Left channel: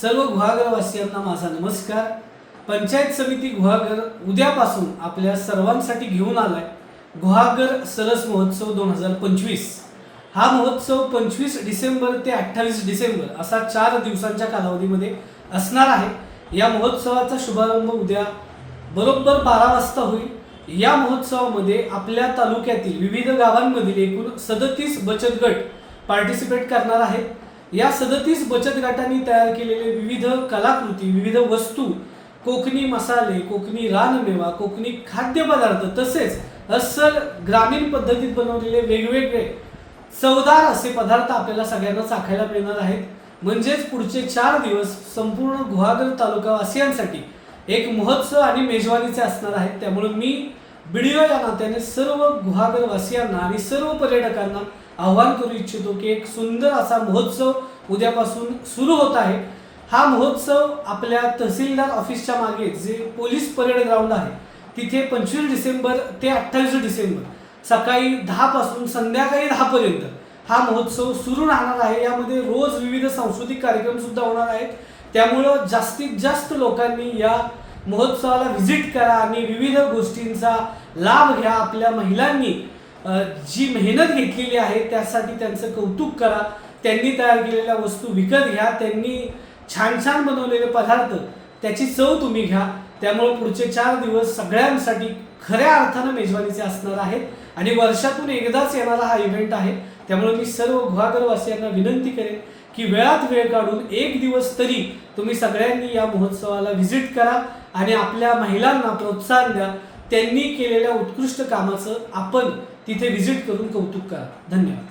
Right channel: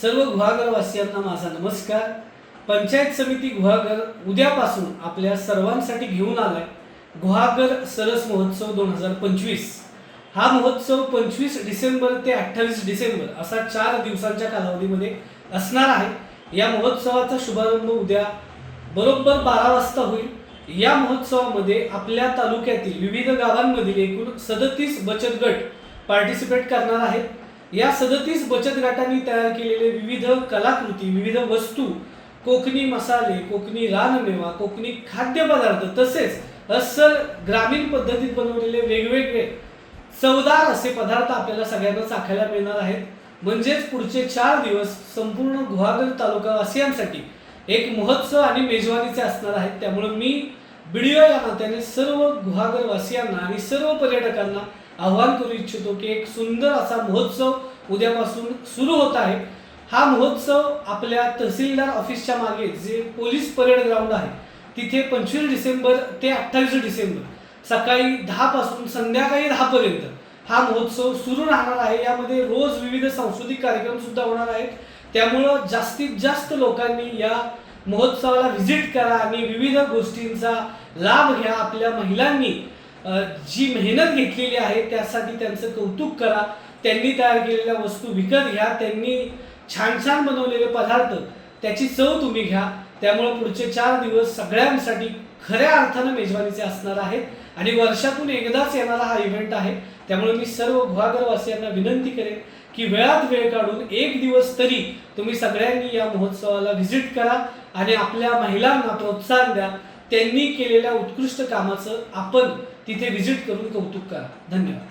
सर्व गुहागरवासियांना माझा नमस्कार. पंचायत समिती गुहागर उद्यापासून आपल्या सर्वांसाठी घेऊन आलाय गुहागर सरस महोत्सव दोन हजार पंचवीस. हा महोत्सव पंचवीस डिसेंबर ते अठ्ठावीस डिसेंबर असा चार दिवसांच्या कालावधीमध्ये असणार आहे. या महोत्सवाचा शुभारंभ उद्या बरोबर बारा वाजता होईल. या महोत्सवामध्ये आपल्या तालुक्यातील विविध गावांमधील एकूण सदतीस बचत गट पार्टिसिपेट करणार आहेत. या सदतीस बचत गटांनी तयार केलेले विविध कलाकृती विविध वस्तू कोकणी मसाले कोकणी रानमेवा कोकणी खाद्यपदार्थ तसेच अस्सल ग्रामीण पद्धतीत बनवलेले वेगवेगळे चवदार असे पदार्थ आपल्याला सगळ्यांना चाखायला मिळणार आहेत. म्हणजेच पुढचे चार दिवस संपूर्ण गुहागर तालुकावासियांसाठी एक महोत्सव आणि मेजवानीचे असणार आहेत. त्यामुळे मी व्हिडिओ या नात्याने सर्व गुहागरवासियांना आणि सर्व पर्यटकांना आव्हान करू इच्छितो की एक सुंदर असा महोत्सव उद्यापासून सुरू होत आहे. हा महोत्सव आपल्या तहसीलदार ऑफिसच्या मागे जे पोलीस परेड ग्राउंड आहे तिथे पंचवीस डिसेंबर ते अठ्ठावीस डिसेंबर सकाळी दहापासून संध्याकाळी दहापर्यंत हा महोत्सव सुरू राहणार आहे. यामध्ये रोज विविध सांस्कृतिक कार्यक्रमसुद्धा होणार आहेत. त्यामुळं जास्तीत जास्त लोकांनी या महोत्सवाला व्हिजिट करा आणि विविध गोष्टींचा लाभ घ्या आपल्या महिलांनी. जी मेहनत घेतलेली आहे त्यासाठी त्यांचं कौतुक करा. त्यांनी तयार केलेल्या वस्तू विकत घ्या. त्यांनी छान छान बनवलेले पदार्थ त्याची चव तुम्ही घ्या. त्यामुळं पुढचे चार दिवस सगळ्यांसाठी खऱ्या अर्थानं मेजवानीचे असणार आहेत. आणि वर्षातून एकदाच येणारा हा इव्हेंट आहे. त्यामुळे मी सर्व गुहागरवासियांना विनंती करेन की वेळात वेळ काढून एक दिवस तरी तुम्ही सगळ्यांनी या महोत्सवाला व्हिजिट करा आणि आपल्या महिलांना प्रोत्साहन द्या. त्यांनी केलेल्या उत्कृष्ट कामाचं आपण तिथे व्हिजिट करून कौतुक करा. धन्यवाद.